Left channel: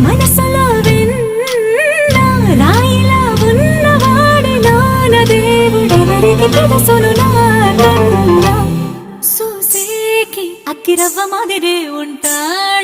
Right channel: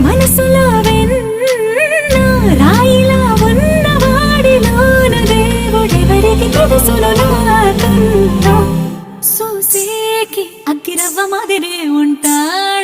మనసులో వెన్న రాయిలా ఉన్నవాడిలోన దేవుడెవరికి తెలుసును నాకన్నా. సూసేకి అగ్గిరవ్వ మాదిరే ఉంటాడు.